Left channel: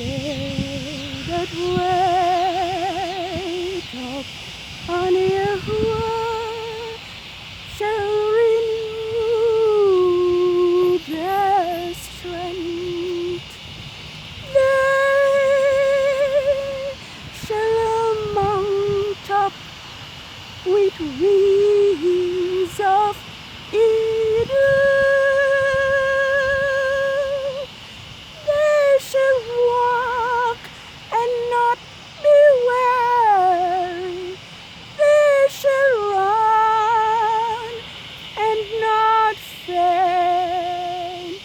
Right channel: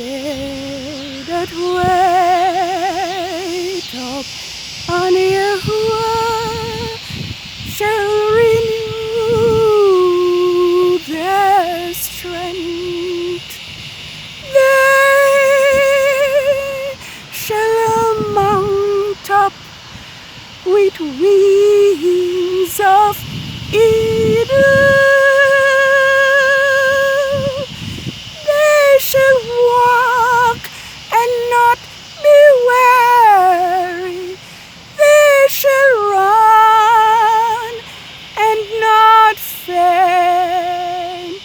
They that wait upon Yahuwah shall renew their strength. They shall mount up with wings of eagle. They shall walk and not be weary. They shall run and not faint.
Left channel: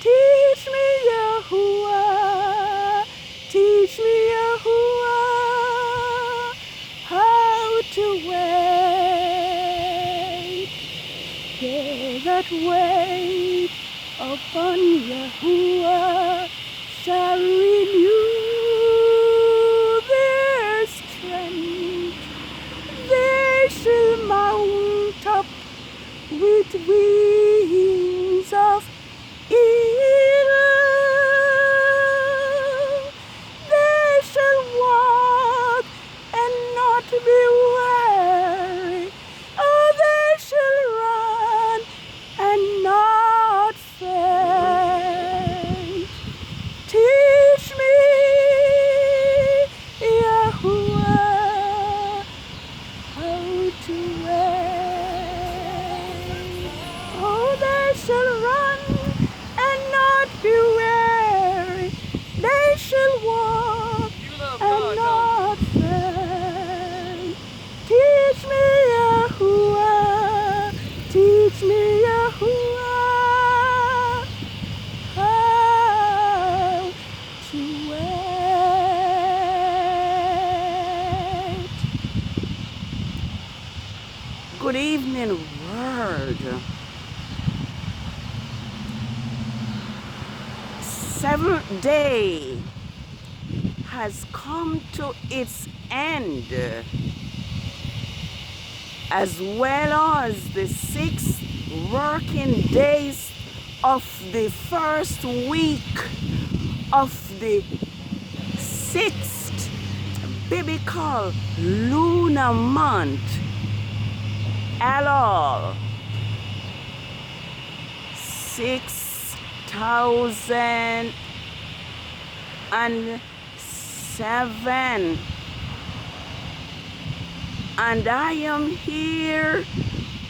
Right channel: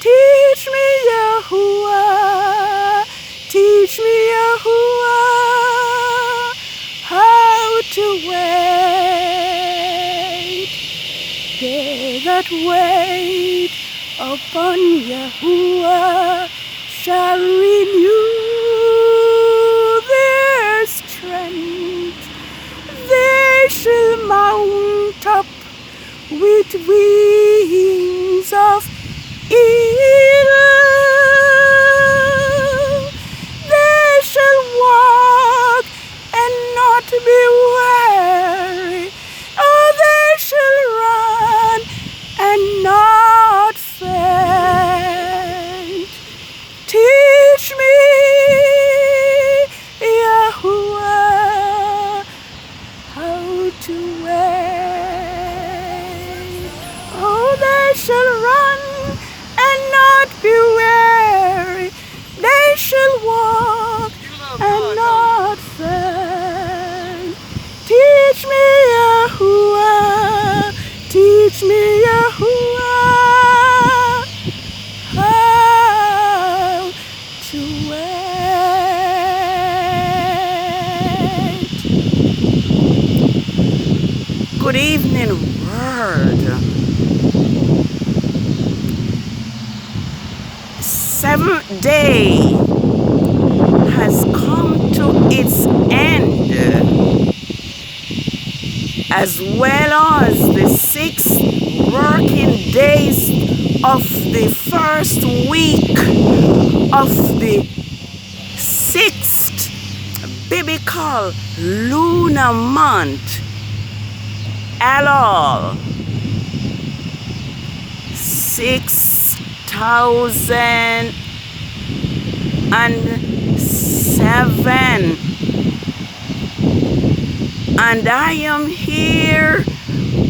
Teach me, Yahuwah, teach me, Yahuwah, how to wait. They that wait upon Yahuwah shall renew their strength. They shall mount up with wings of eagle. They shall walk and not be weary. Oh, they shall run and not faint. Teach me, Yahuwah, how to wait. Oh, they shall run and not be weary. They shall walk and not faint. Teach me, Yahuwah, teach me, Yahuwah, how to wait. Good evening, world. 7th day has come to its end, as well as the 6 working days of the first week of the 6th biblical lunar month, ELUL. 6,007, and I am here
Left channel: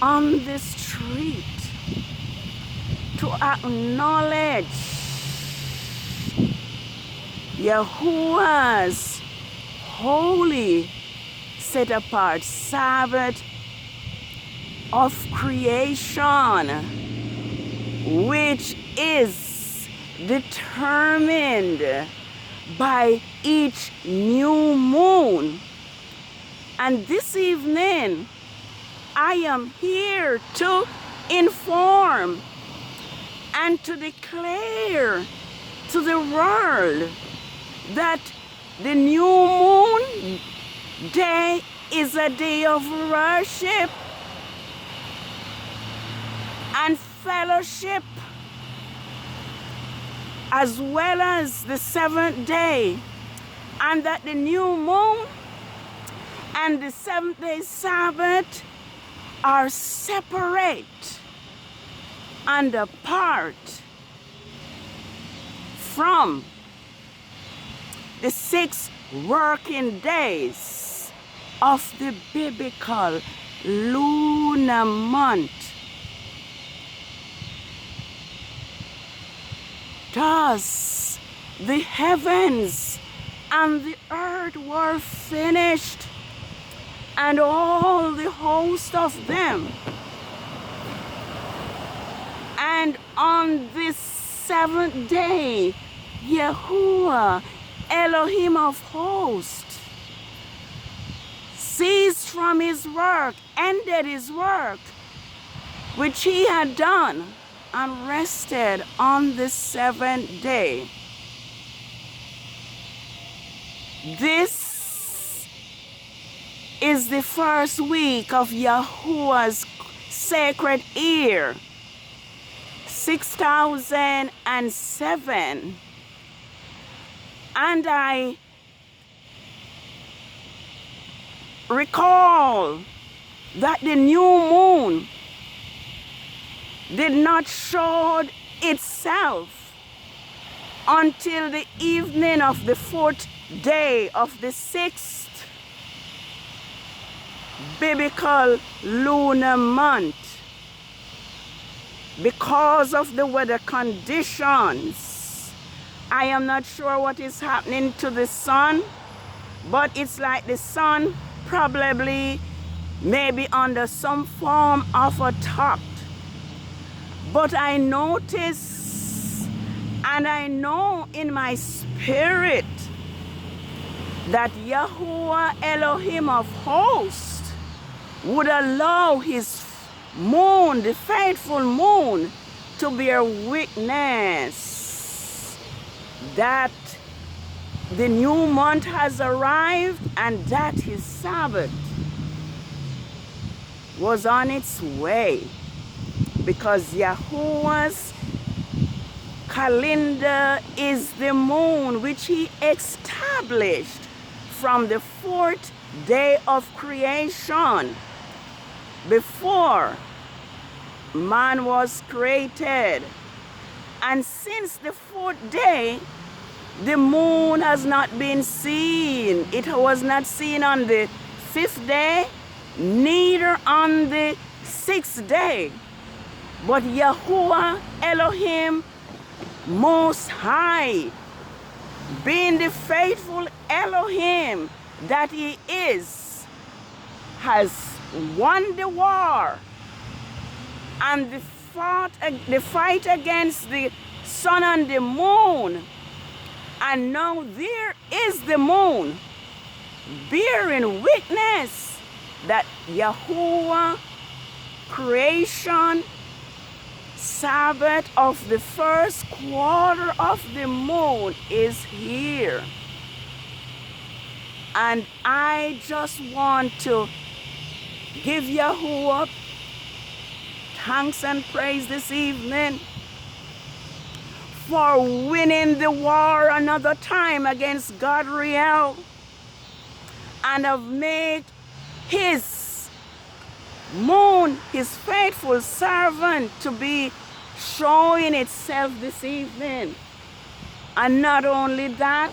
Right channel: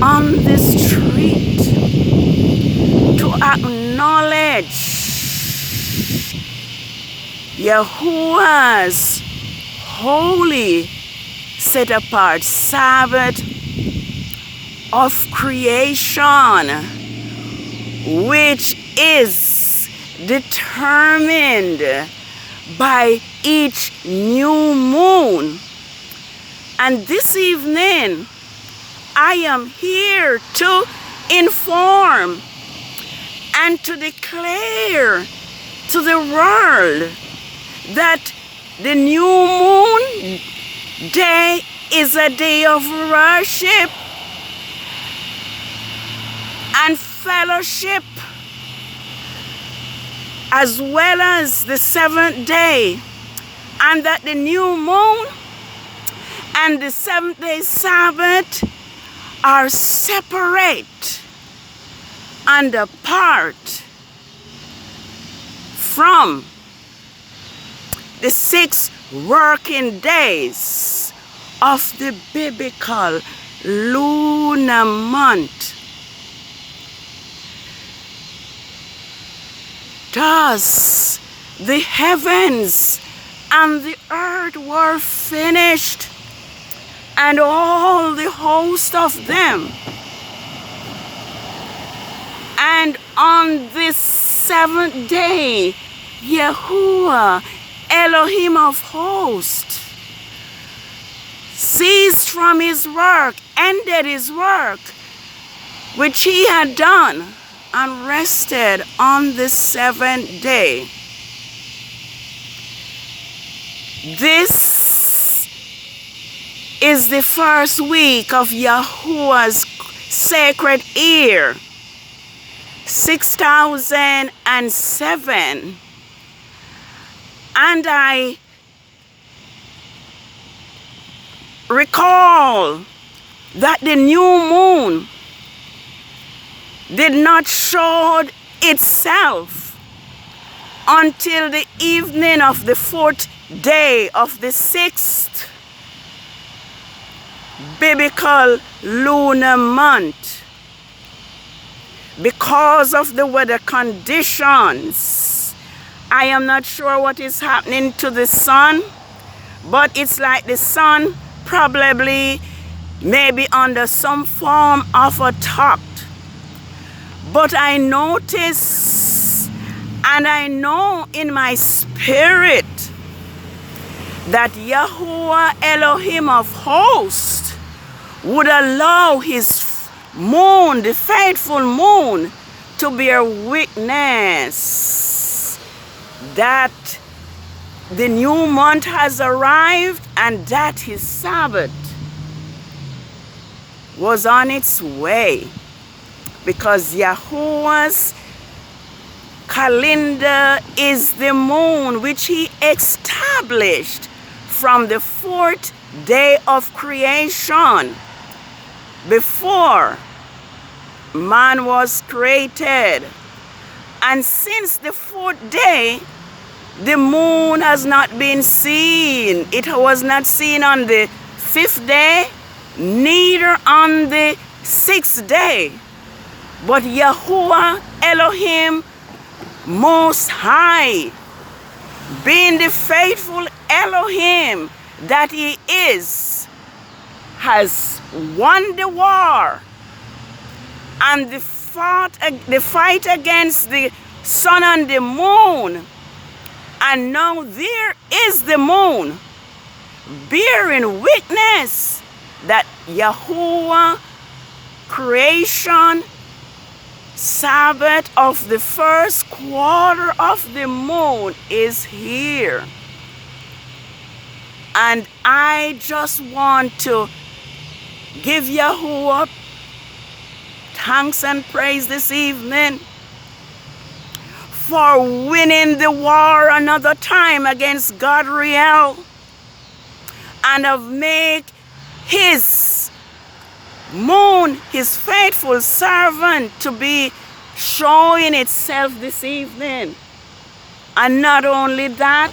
on the street to acknowledge Yahuwah's holy set apart Sabbath of creation, which is determined by each new moon. And this evening, I am here to inform and to declare to the world that the new moon day is a day of worship and fellowship, as well as the 7th day, and that the new moon and the 7th day Sabbath are separate and apart from the 6 working days of the biblical lunar month. Thus, the heavens and the earth were finished, and all the host of them. And on this 7th day, Yahuwah, Elohim of hosts, ceased from his work, ended his work, which he had done, and rested on the 7th day. This is the first week of Yahuwah's sacred year, 6007. And I recall that the new moon did not show itself until the evening of the 4th day of the 6th biblical lunar month. Because of the weather conditions, I am not sure what is happening to the sun, but it's like the sun probably maybe under some form of a thought. But I notice and I know in my spirit that Yahuwah Elohim of hosts would allow his moon, the faithful moon, to bear witness that the new month has arrived and that his Sabbath was on its way, because Yahuwah's calendar is the moon which he established from the 4th day of creation, before man was created. And since the 4th day, the moon has not been seen. It was not seen on the 5th day, neither on the 6th day. But Yahuwah Elohim Most High, being the faithful Elohim that he is, has won the war, and the fight against the sun and the moon. And now there is the moon bearing witness that Yahuwah creation Sabbath of the first quarter of the moon is here. And I just want to give Yahuwah thanks and praise this evening for winning the war another time against Godriel, and have made his moon, his faithful servant, to be showing itself this evening. And not only that,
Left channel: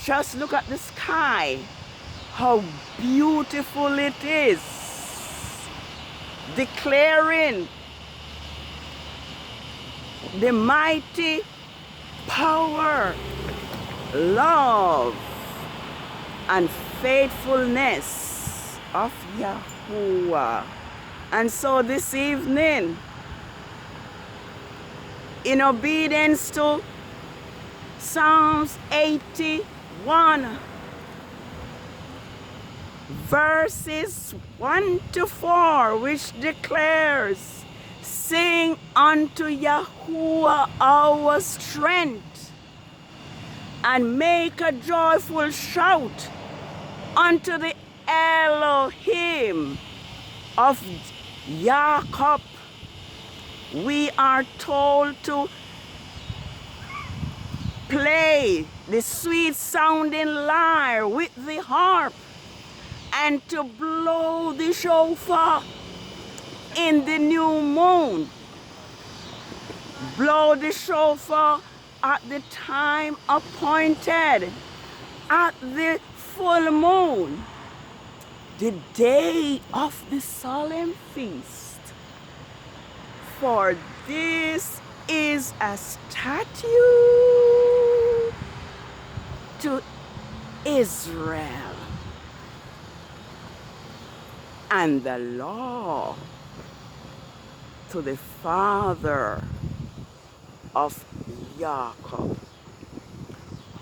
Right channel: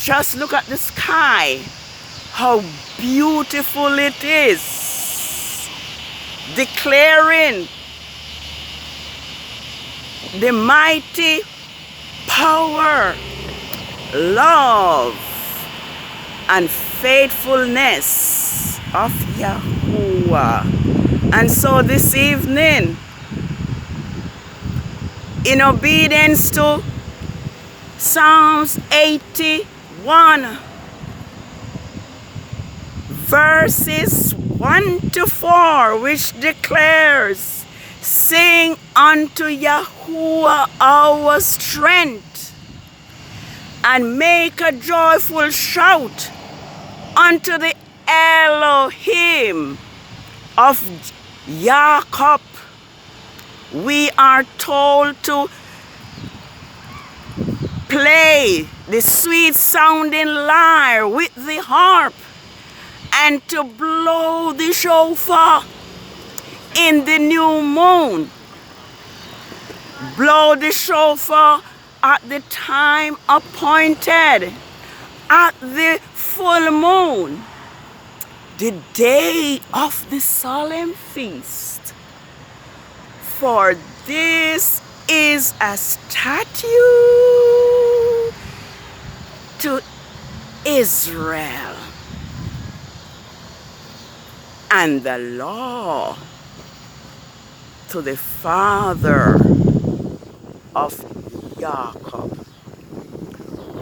just look at the sky, how beautiful it is, declaring the mighty power, love, and faithfulness of Yahuwah. And so this evening, in obedience to Psalms 81, verses 1 to 4, which declares, "Sing unto Yahuwah our strength, and make a joyful shout unto the Elohim of Jacob." We are told to play the sweet sounding lyre with the harp and to blow the shofar in the new moon. Blow the shofar at the time appointed, at the full moon, the day of the solemn feast. For this is a statute to Israel, and the law to the father of Jacob.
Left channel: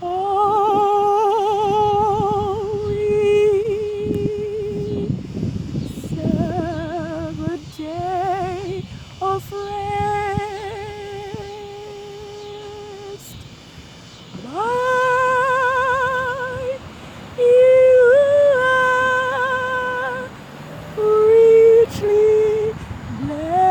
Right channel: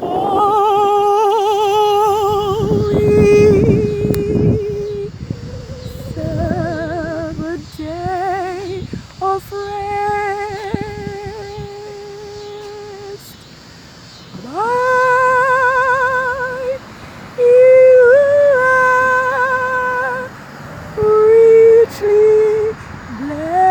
Holy Sabbath day of rest, by you are richly blessed.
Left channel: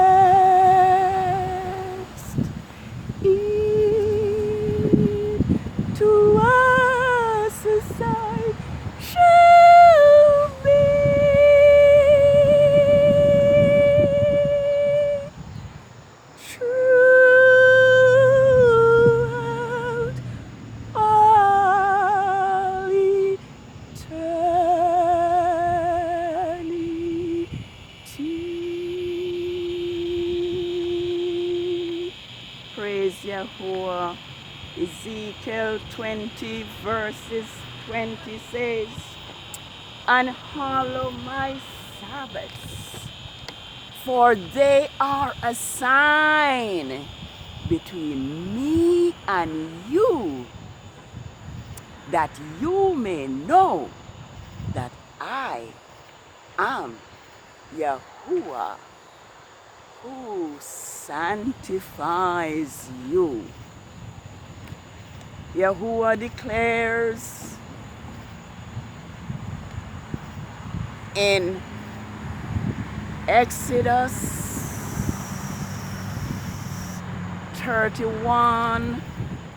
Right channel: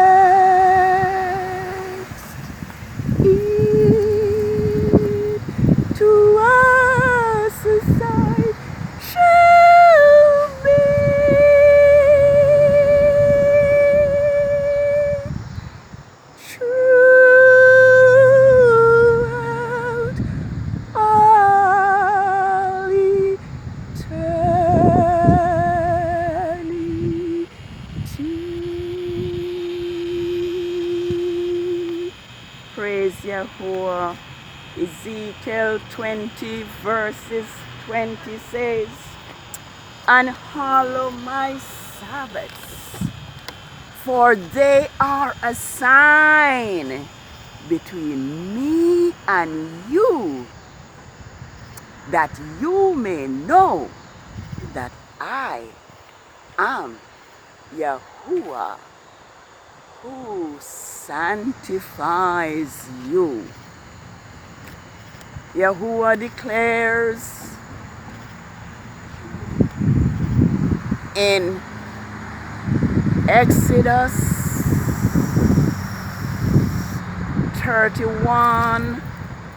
Ezekiel 20 verses 20 says, "And hallow my Sabbaths, for they are a sign between me and you, that you may know that I am Yahuwah, who sanctifies you." Yahuwah declares in Exodus 31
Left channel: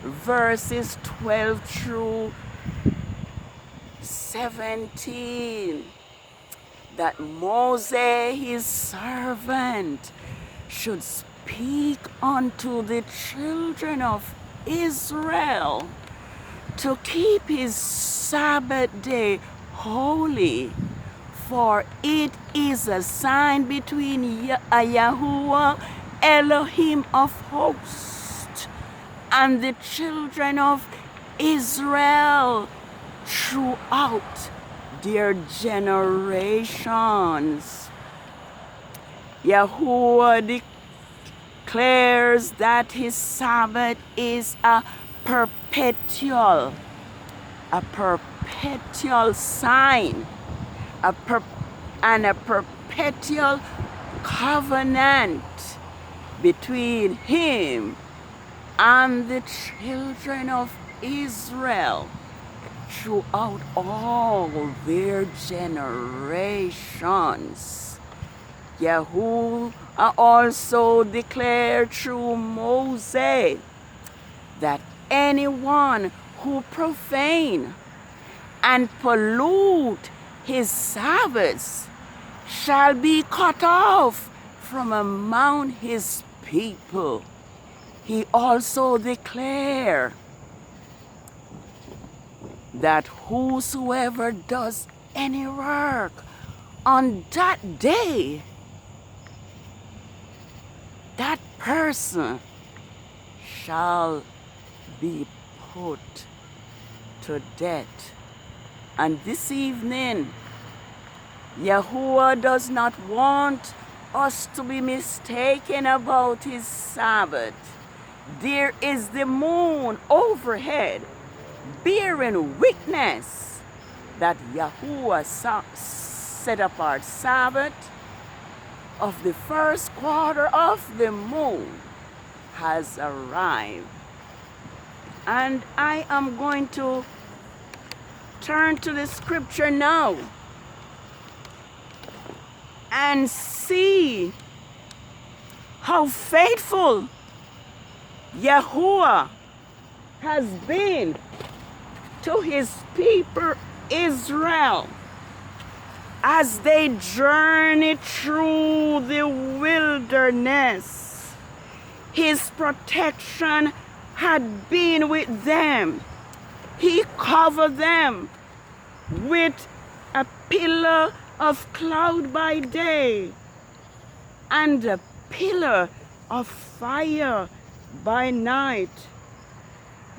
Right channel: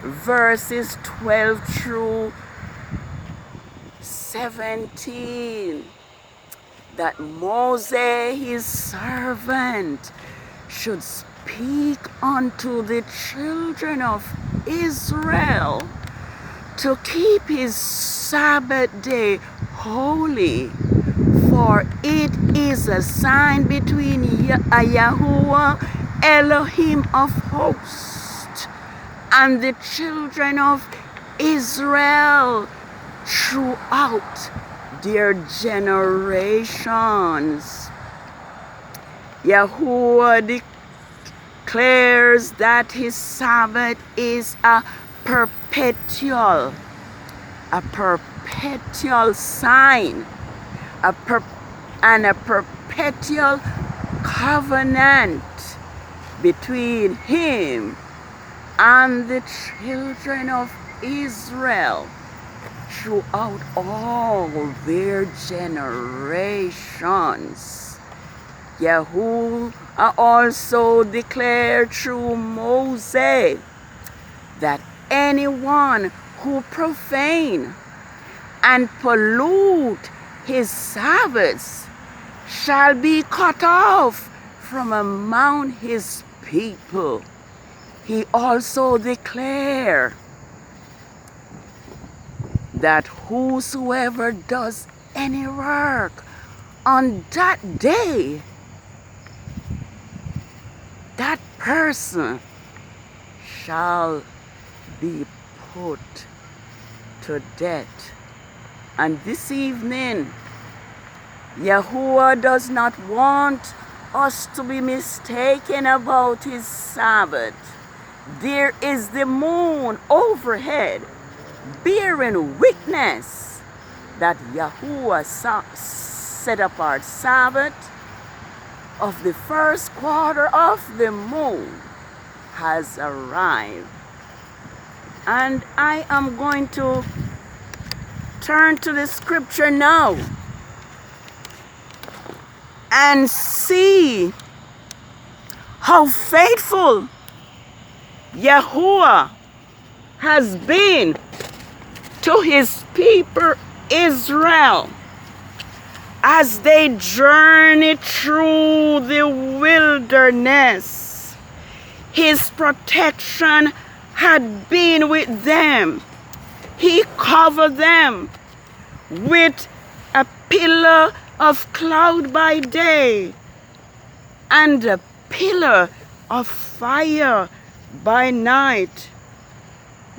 verses 12 through 17 that Moses, his servant, should speak unto the children of Israel to keep his Sabbath day holy, for it is a sign between Yahuwah, Elohim of hosts, and the children of Israel throughout their generations. Yahuwah declares that his Sabbath is a perpetual sign, and a perpetual covenant between him and the children of Israel throughout all their generations. Yahuwah also declared through Moses that anyone who profane and pollute his Sabbaths shall be cut off from among his people. He also declared that whosoever does any work on that day, that person shall be put to death. And this evening, Yahuwah does not want us to be mistaken about his Sabbath. There is the moon overhead, bearing witness that Yahuwah set apart Sabbath of the first quarter of the moon has arrived. And I am going to turn to the scripture now and see how faithful Yahuwah has been to his people Israel as they journey through the wilderness. His protection had been with them. He covered them with a pillar of cloud by day and a pillar of fire by night.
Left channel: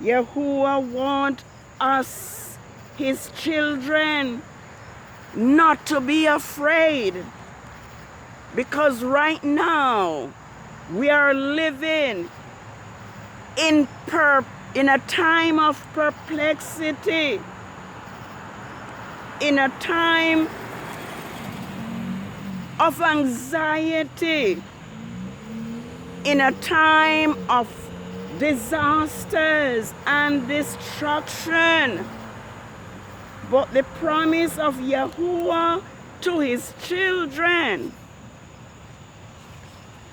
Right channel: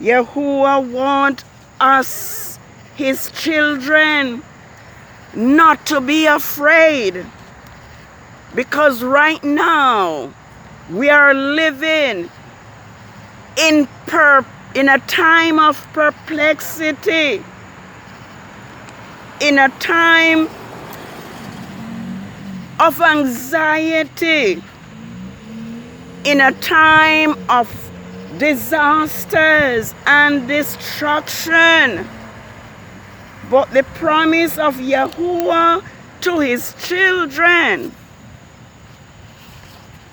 Yahuwah wants us, his children, not to be afraid, because right now we are living in a time of perplexity, in a time of anxiety, in a time of disasters and destruction. But the promise of Yahuwah to his children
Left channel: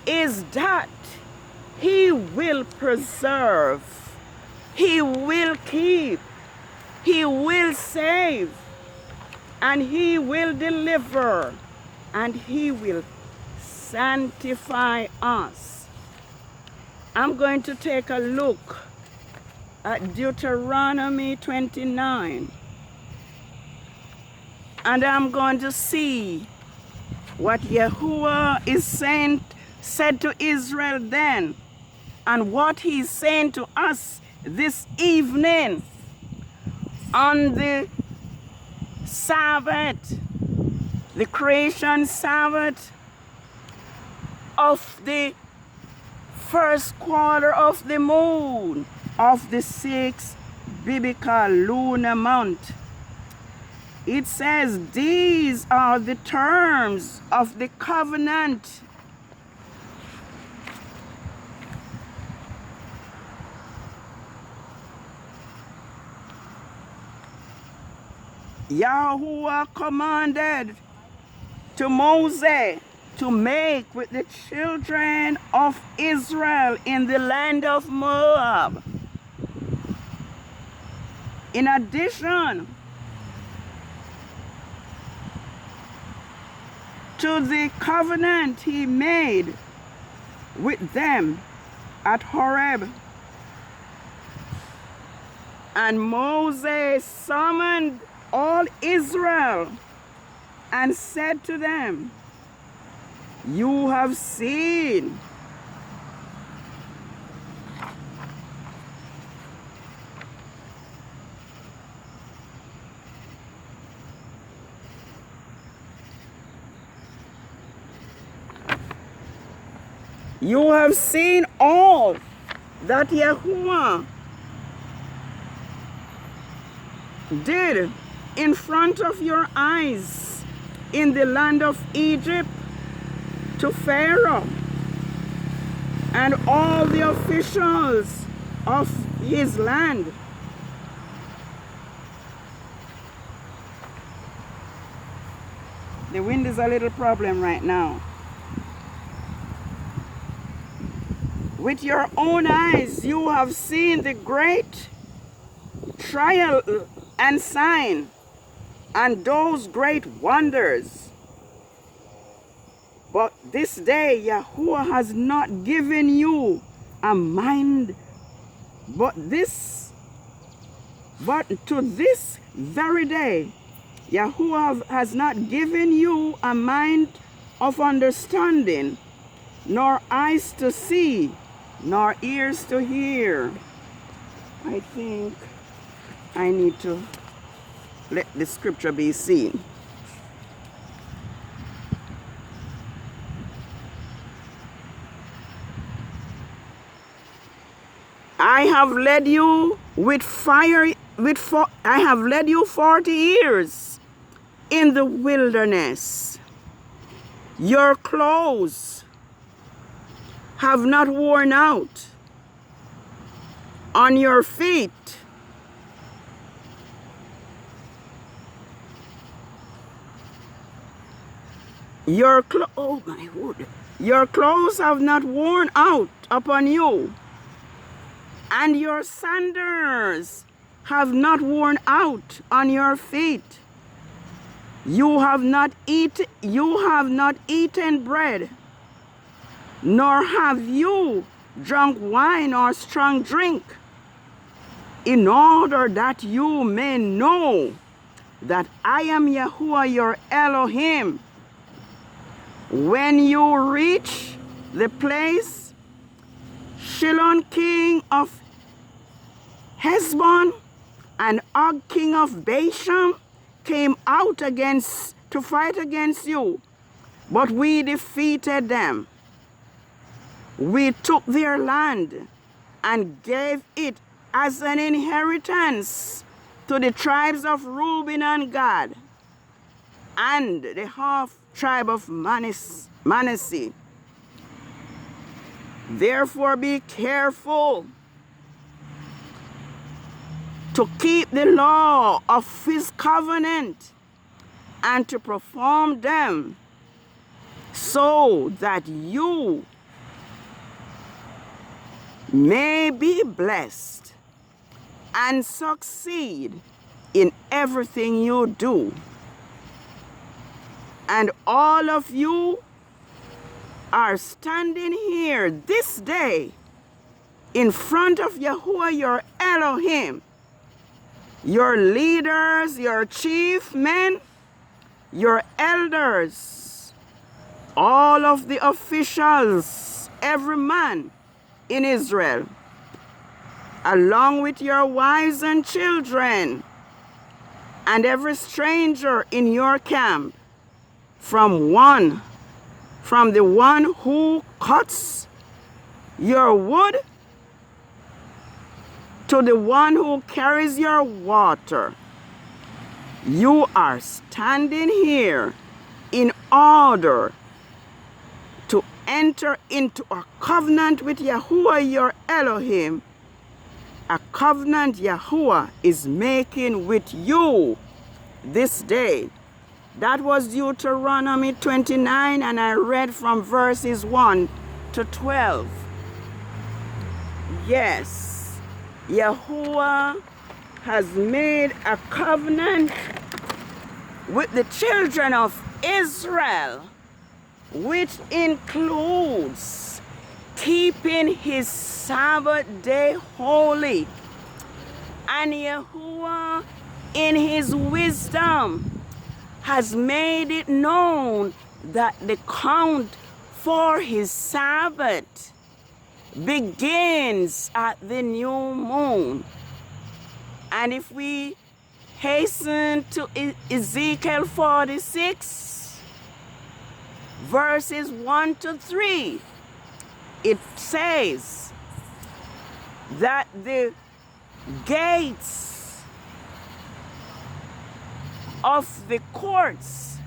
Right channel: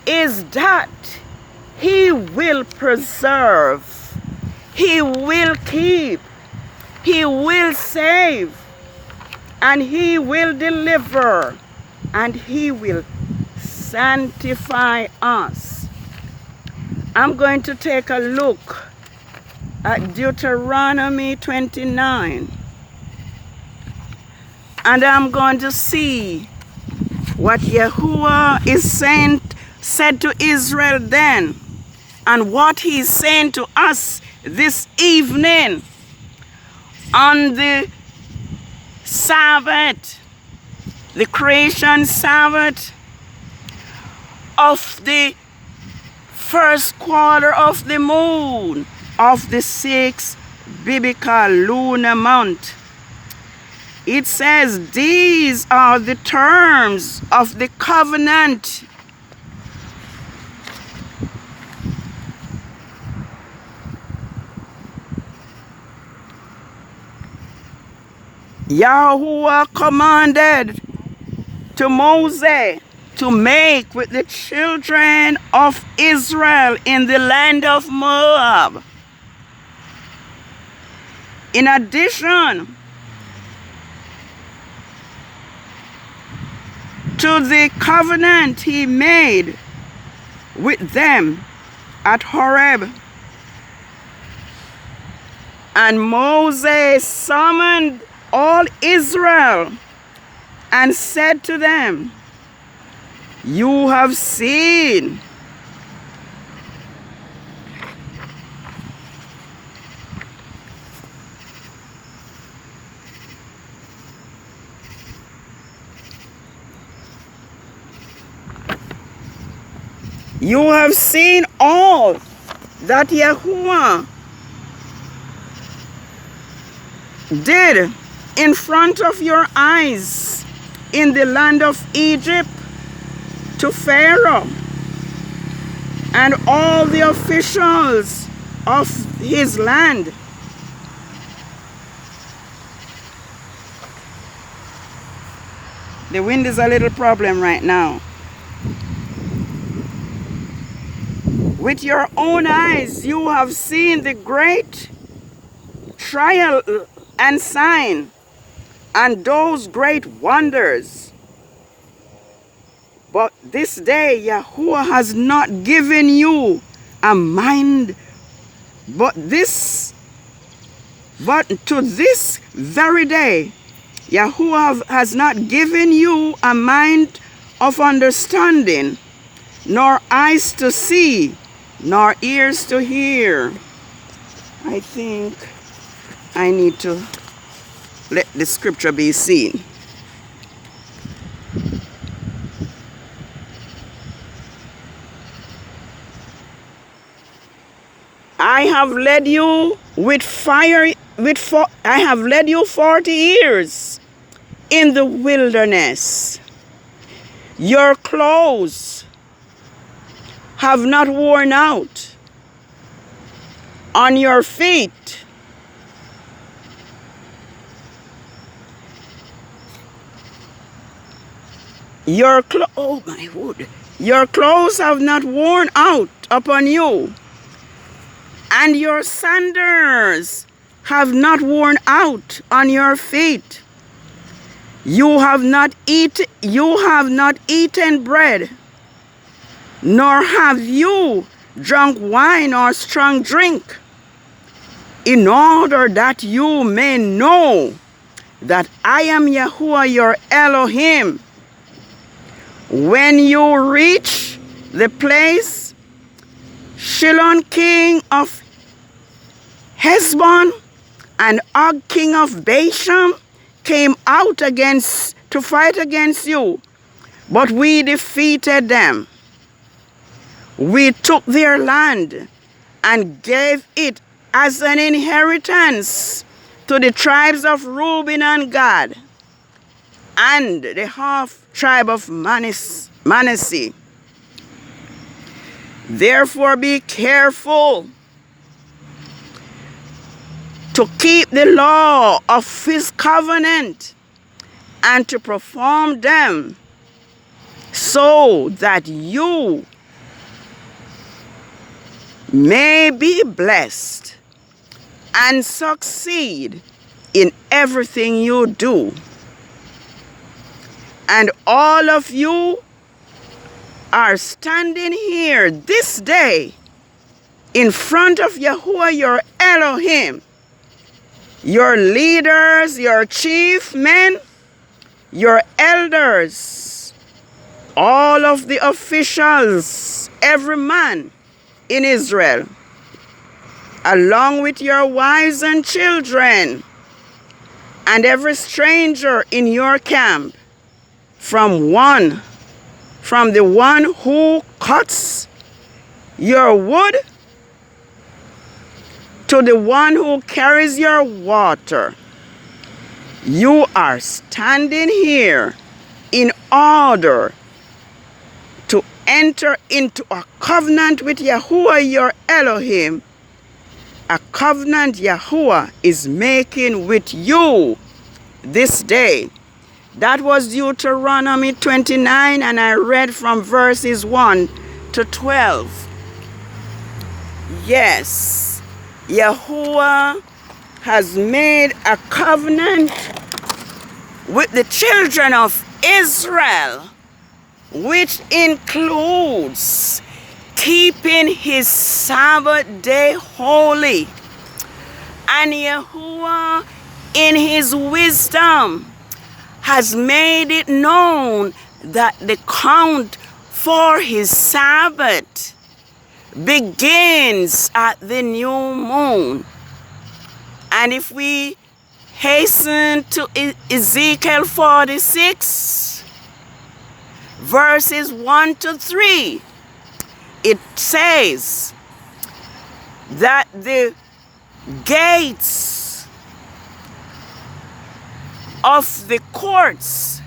is that he will preserve, he will keep, he will save, and he will deliver, and he will sanctify us. I'm going to take a look at Deuteronomy 29. And I'm going to see what Yahuwah said to Israel then, and what he's saying to us this evening on the Sabbath, the creation Sabbath of the first quarter of the moon of the 6th biblical lunar month. It says, these are the terms of the covenant Yahuwah commanded to Moses to make with the children of Israel in the land of Moab. In addition to the covenant he made with them at Horeb. And Moses summoned all Israel and said to them, you have seen all that Yahuwah did in front of your eyes in the land of Egypt to Pharaoh and all the officials of his land. The wind is a little problem right now. With your own eyes, you have seen the great trial and sign and those great wonders. But this day, Yahuwah has not given you a mind, but to this very day, Yahuwah has not given you a mind of understanding, nor eyes to see, nor ears to hear. I think I need to let the scripture be seen. I have led you with fire, I have led you 40 years in the wilderness. Your clothes have not worn out on your feet. Your clothes have not worn out upon you, and your sandals have not worn out on your feet. You have not eaten bread, nor have you drunk wine or strong drink, in order that you may know that I am Yahuwah your Elohim. When you reach the place, Shilon king of Heshbon and Og king of Bashan came out to fight against you, but we defeated them. We took their land and gave it as an inheritance to the tribes of Reuben and Gad and the half tribe of Manasseh. Therefore be careful to keep the law of his covenant and to perform them, so that you may be blessed and succeed in everything you do. And all of you are standing here this day in front of Yahuwah your Elohim, your leaders, your chief men, your elders, all of the officials, every man in Israel. along with your wives and children, and every stranger in your camp, from the one who cuts your wood to the one who carries your water. You are standing here in order to enter into a covenant with Yahuwah your Elohim, a covenant Yahuwah is making with you this day. That was Deuteronomy 29, and I read from verses 1 to 12. Yes, Yahuwah has made a covenant with the children of Israel, which includes keeping his Sabbath day holy. And Yahuwah, in his wisdom, has made it known that the count for his Sabbath begins at the new moon. And if we hasten to Ezekiel 46, verses 1 to 3, it says that the gates of the courts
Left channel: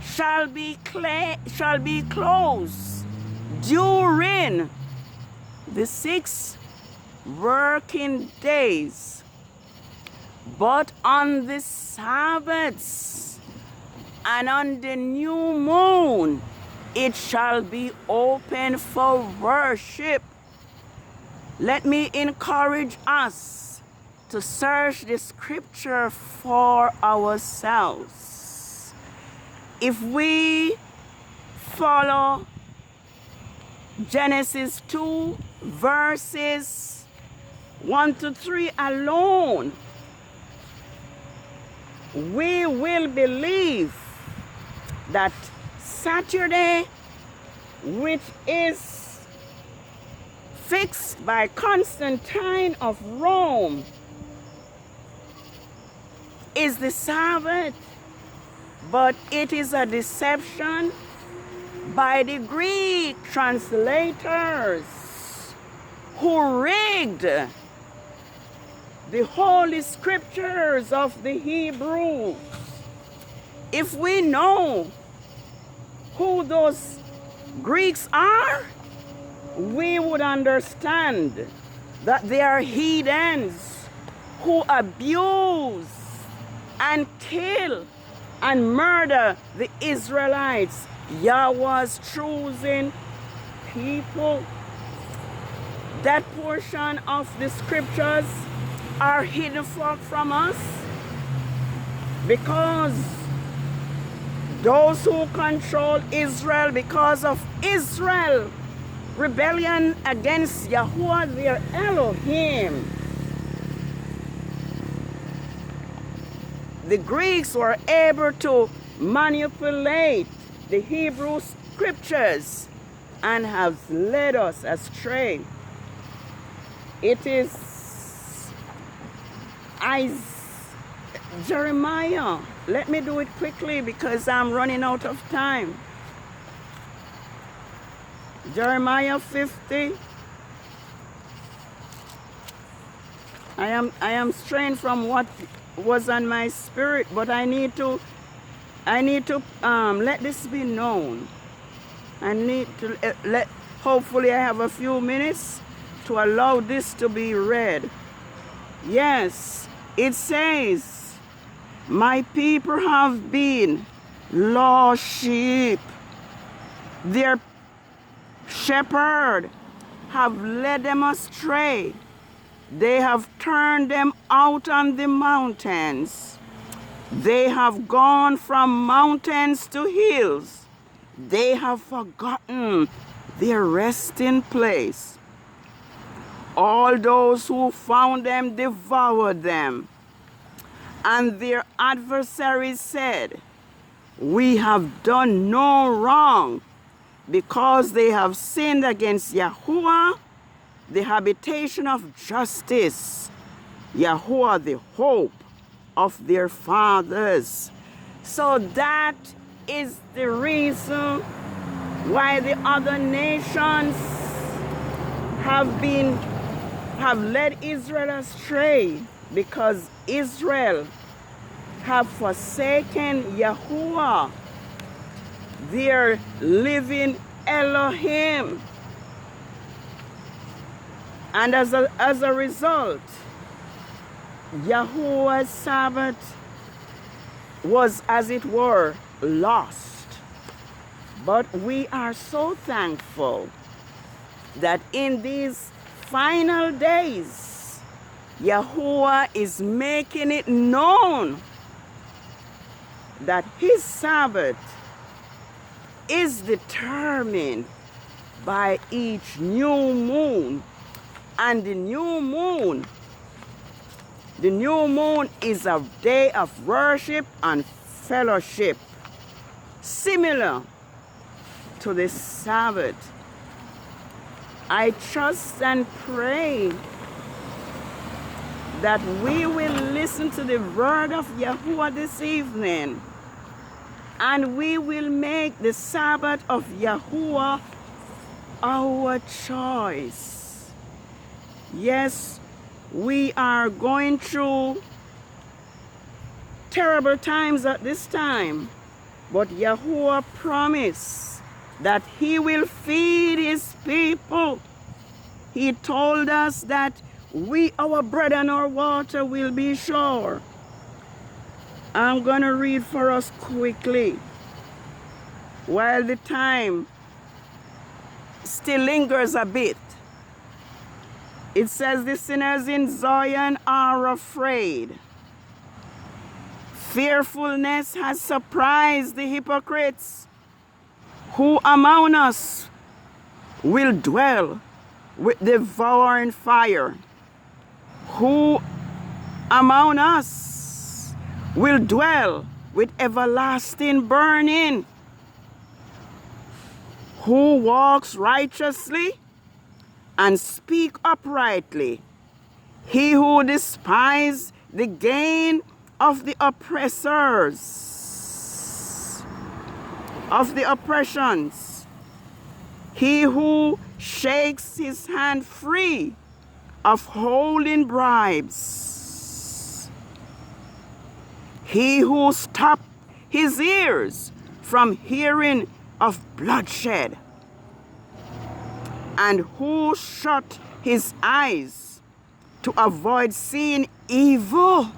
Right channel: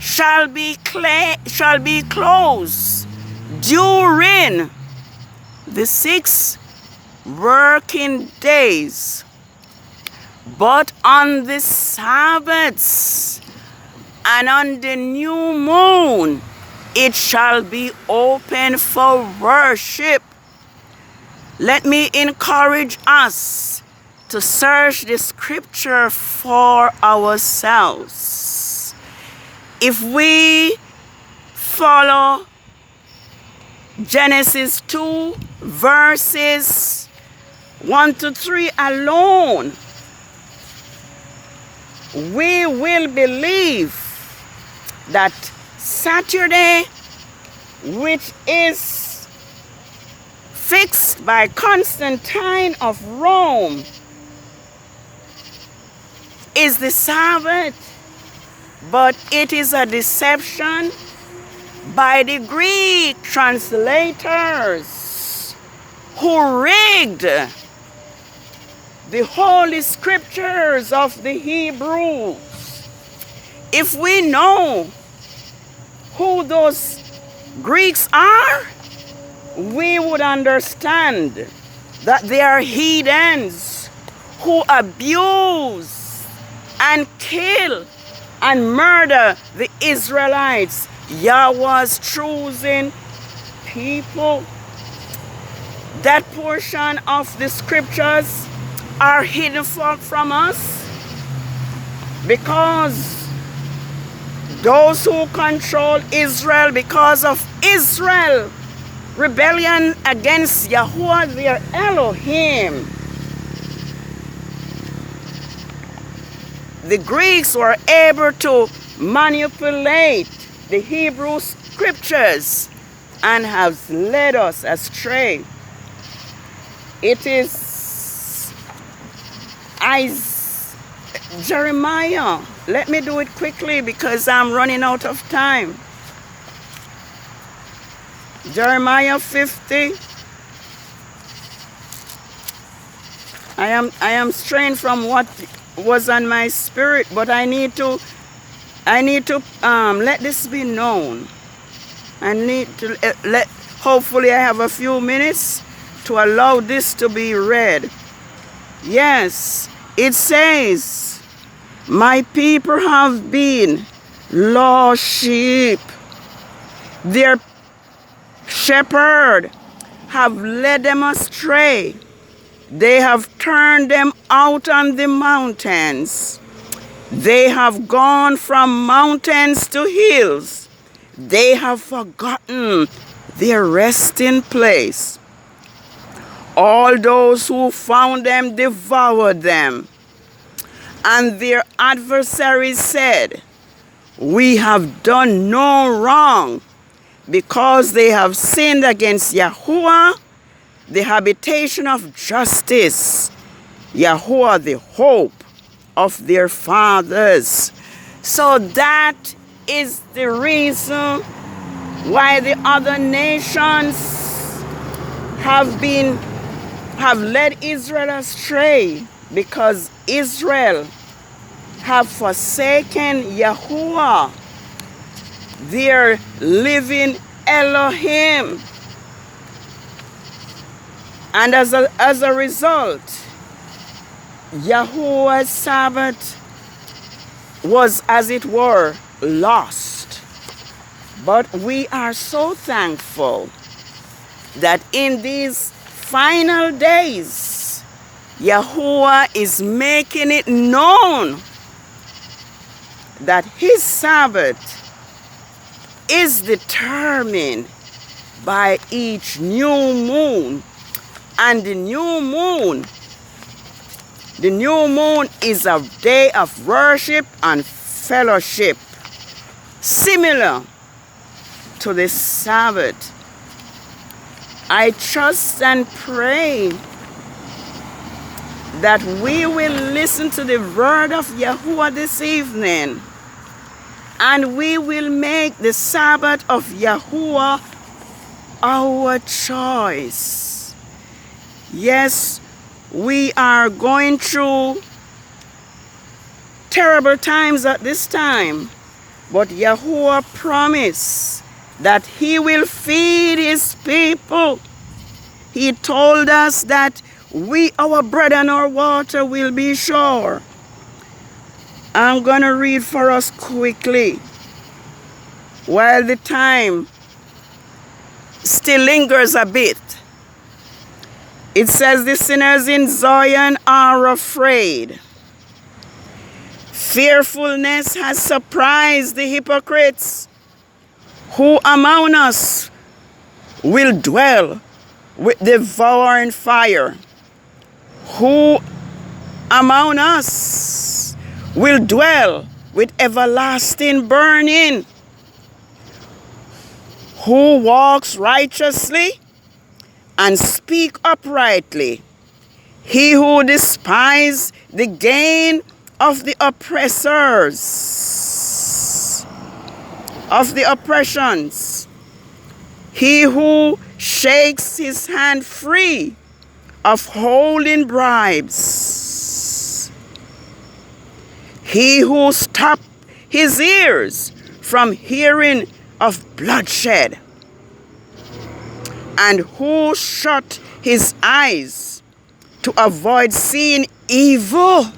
shall be closed during the 6 working days, but on the Sabbaths and on the new moon it shall be open for worship. Let me encourage us to search the scripture for ourselves. If we follow Genesis 2 verses 1 to 3 alone, we will believe that Saturday, which is fixed by Constantine of Rome, is the Sabbath, but it is a deception by the Greek translators who rigged the holy scriptures of the Hebrews. If we know who those Greeks are, we would understand that they are heathens who abuse and kill and murder the Israelites, Yahweh's chosen people. That portion of the scriptures are hidden from us because those who control Israel, because of Israel rebellion against Yahuwah their Elohim, the Greeks were able to manipulate the Hebrew scriptures and have led us astray. It is Jeremiah. Let me do it quickly because I'm running out of time. Jeremiah 50. I am straying from what was on my spirit, but I need to let this be known. I need to hopefully I have a few minutes to allow this to be read. Yes, it says, my people have been lost sheep. Their shepherd have led them astray. They have turned them out on the mountains. They have gone from mountains to hills. They have forgotten their resting place. All those who found them devoured them. And their adversaries said, we have done no wrong, because they have sinned against Yahuwah the habitation of justice, Yahuwah, the hope of their fathers. So that is the reason why the other nations have led Israel astray, because Israel have forsaken Yahuwah, their living Elohim. And as a result, Yahuwah's Sabbath was, as it were, lost. But we are so thankful that in these final days, Yahuwah is making it known that his Sabbath is determined by each new moon. And the new moon is a day of worship and fellowship, similar to the Sabbath. I trust and pray that we will listen to the word of Yahuwah this evening, and we will make the Sabbath of Yahuwah our choice. Yes, we are going through terrible times at this time, but Yahuwah promised that he will feed his people. He told us that our bread and our water will be sure. I'm going to read for us quickly while the time still lingers a bit. It says, the sinners in Zion are afraid. Fearfulness has surprised the hypocrites. Who among us will dwell with devouring fire? Who among us will dwell with everlasting burning? Who walks righteously and speak uprightly? He who despises the gain of the oppressors, of the oppressions. He who shakes his hand free of holding bribes. He who stops his ears from hearing of bloodshed, and who shut his eyes to avoid seeing evil.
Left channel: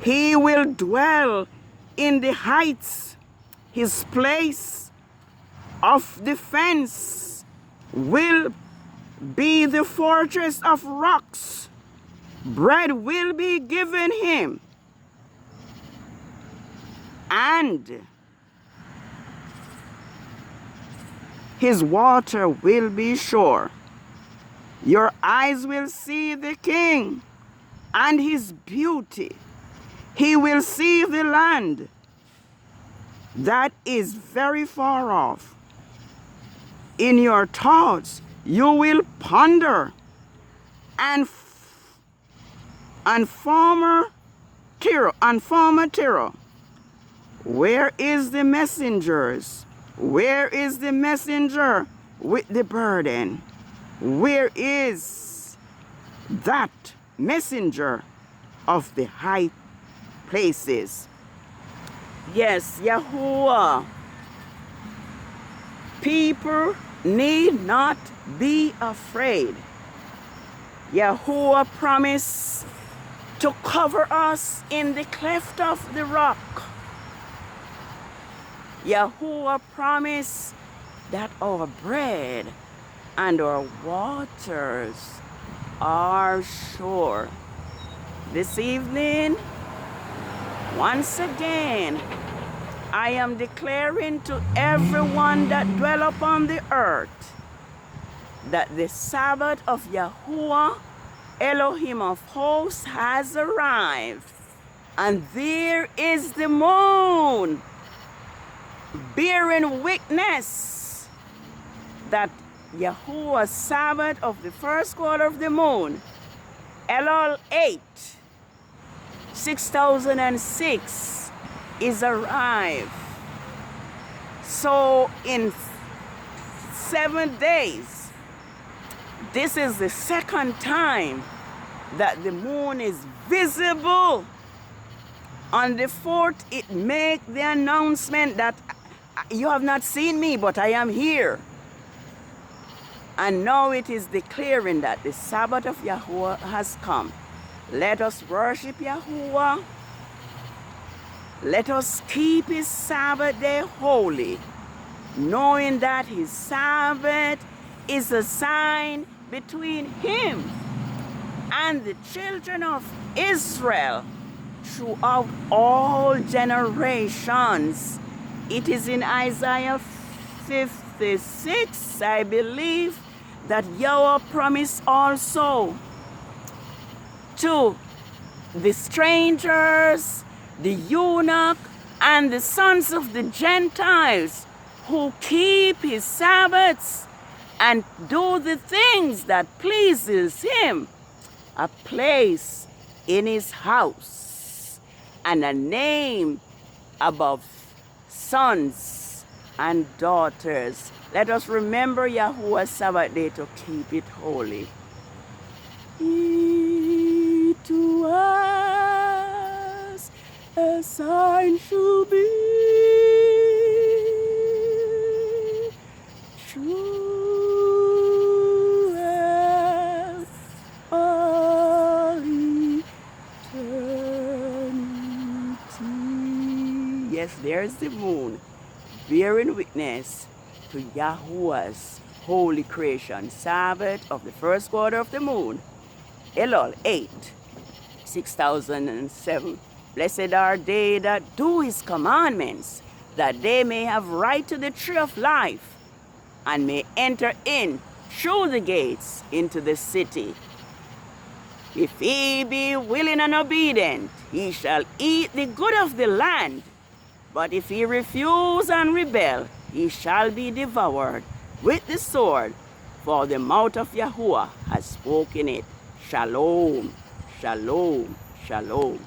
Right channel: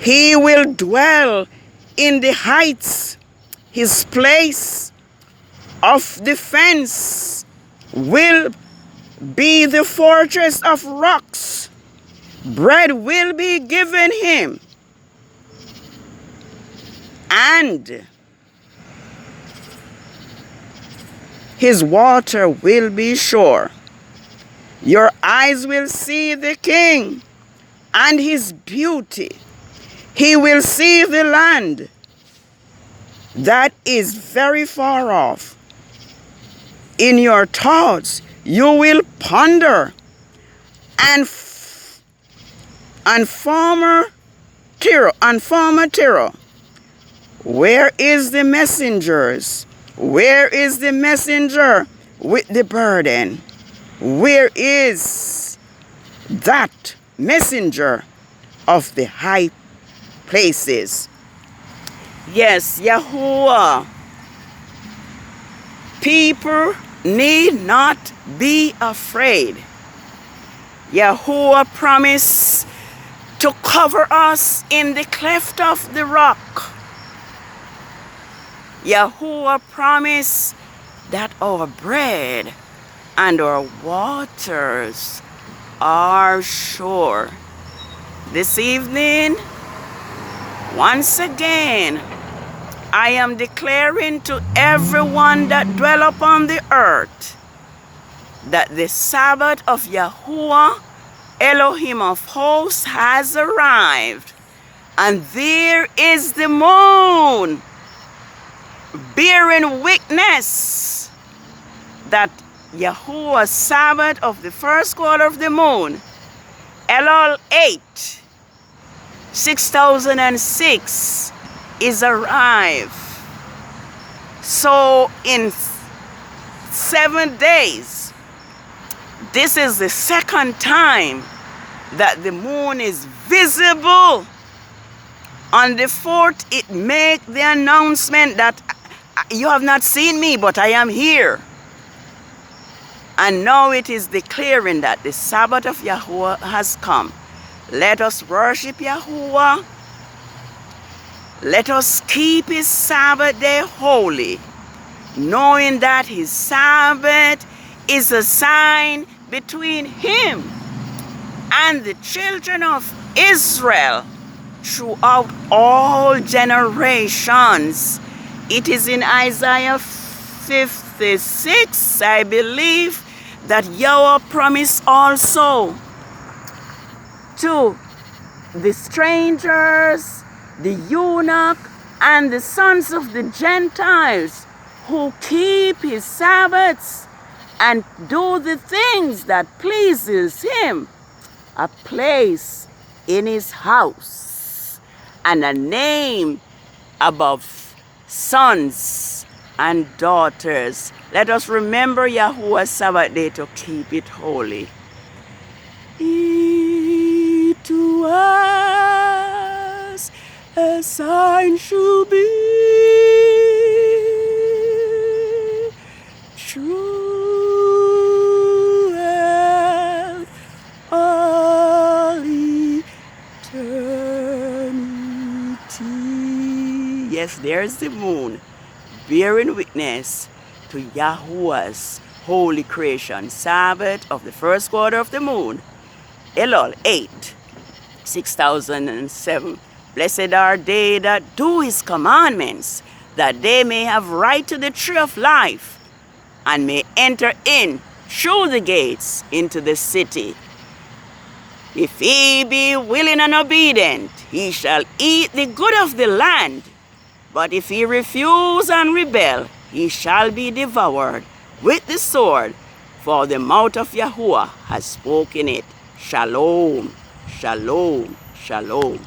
He will dwell in the heights. His place of defense will be the fortress of rocks. Bread will be given him, and his water will be sure. Your eyes will see the king and his beauty. He will see the land that is very far off. In your thoughts you will ponder, and former Tyro, where is the messengers? Where is the messenger with the burden? Where is that messenger of the high places? Yes, Yahuwah. People need not be afraid. Yahuwah promised to cover us in the cleft of the rock. Yahuwah promised that our bread and our waters are sure. This evening, once again, I am declaring to everyone that dwell upon the earth that the Sabbath of Yahuwah, Elohim of hosts, has arrived. And there is the moon bearing witness that Yahuwah's Sabbath of the first quarter of the moon, ELUL 8, 6006, is arrived. So in 7 days, this is the second time that the moon is visible. On the 4th, it makes the announcement that you have not seen me, but I am here. And now it is declaring that the Sabbath of Yahuwah has come. Let us worship Yahuwah. Let us keep his Sabbath day holy, knowing that his Sabbath is a sign between him and the children of Israel throughout all generations. It is in Isaiah 56, I believe, that Yahweh promised also to the strangers, the eunuch, and the sons of the Gentiles who keep his Sabbaths and do the things that pleases him, a place in his house and a name above sons and daughters. Let us remember Yahuwah's Sabbath day to keep it holy. To us a sign shall be, true and all eternity. Yes, there's the moon, bearing witness to Yahuwah's holy creation. Sabbath of the first quarter of the moon, ELUL 8, 6007. Blessed are they that do his commandments, that they may have right to the tree of life, and may enter in through the gates into the city. If he be willing and obedient, he shall eat the good of the land. But if he refuse and rebel, he shall be devoured with the sword, for the mouth of Yahuwah has spoken it. Shalom, shalom, shalom.